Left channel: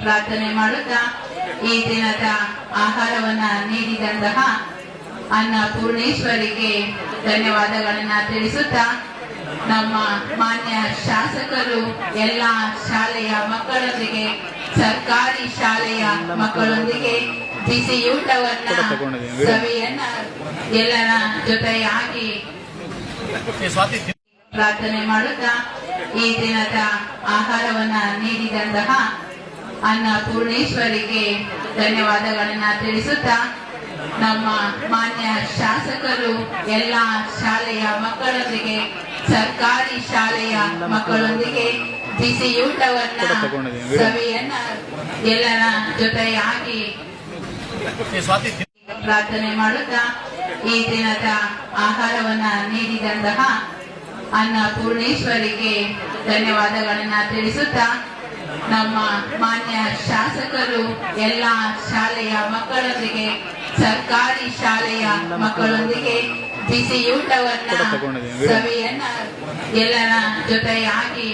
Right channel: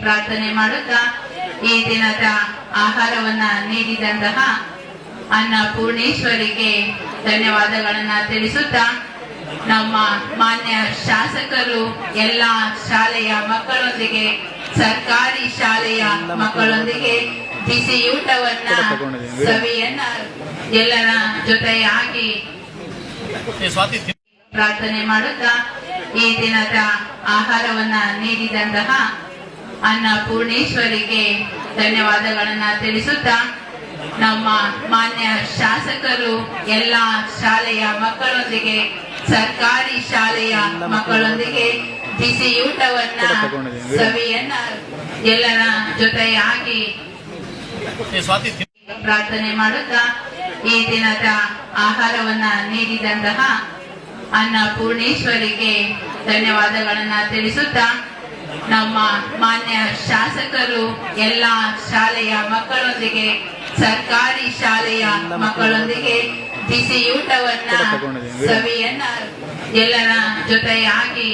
ಪ್ರಾರ್ಥನೆ ಮಾಡುತ್ತಾ ಈ ದಿನದ ಆಹಾರವನ್ನ ನೀಡಿದಂತಹ ಅನ್ನ ಪೂರ್ಣೇಶ್ವರಿಗೆ ಧನ್ಯವಾದಗಳನ್ನ ತಿಳಿಸುತ್ತಾ ನಮ್ಮ ಮಾನ್ಯ ಶಾಸಕರು ಎಲ್ಲ ಶಾಲೆಯ ಮಕ್ಕಳೊಂದಿಗೆ ಸರ್ಕಾರಿ ಶಾಲೆಯ ಮಕ್ಕಳೊಂದಿಗೆ ಬಿಸಿಯೂಟವನ್ನ ಸಭೆಯನ್ನ ಎಲ್ಲರ ಜೊತೆಯಾಗಿ ಪ್ರಾರ್ಥನೆ ಮಾಡುತ್ತಾ ಈ ದಿನದ ಆಹಾರವನ್ನ ನೀಡಿದಂತಹ ಅನ್ನ ಪೂರ್ಣೇಶ್ವರಿಗೆ ಧನ್ಯವಾದಗಳನ್ನ ತಿಳಿಸುತ್ತಾ ನಮ್ಮ ಮಾನ್ಯ ಶಾಸಕರು ಎಲ್ಲ ಶಾಲೆಯ ಮಕ್ಕಳೊಂದಿಗೆ ಸರ್ಕಾರಿ ಶಾಲೆಯ ಮಕ್ಕಳೊಂದಿಗೆ ಬಿಸಿಯೂಟವನ್ನ ಸವಿಯನ್ನ ಎಲ್ಲರ ಜೊತೆಯಾಗಿ ಪ್ರಾರ್ಥನೆ ಮಾಡುತ್ತಾ ಈ ದಿನದ ಆಹಾರವನ್ನ ನೀಡಿದಂತಹ ಅನ್ನ ಪೂರ್ಣೇಶ್ವರಿಗೆ ಧನ್ಯವಾದಗಳನ್ನ ತಿಳಿಸುತ್ತಾ ನಮ್ಮ ಮಾನ್ಯ ಶಾಸಕರು ಎಲ್ಲ ಶಾಲೆಯ ಮಕ್ಕಳೊಂದಿಗೆ ಸರ್ಕಾರಿ ಶಾಲೆಯ ಮಕ್ಕಳೊಂದಿಗೆ ಬಿಸಿಯೂಟವನ್ನ ಸವಿಯನ್ನ ಎಲ್ಲರ ಜೊತೆಯಾಗಿ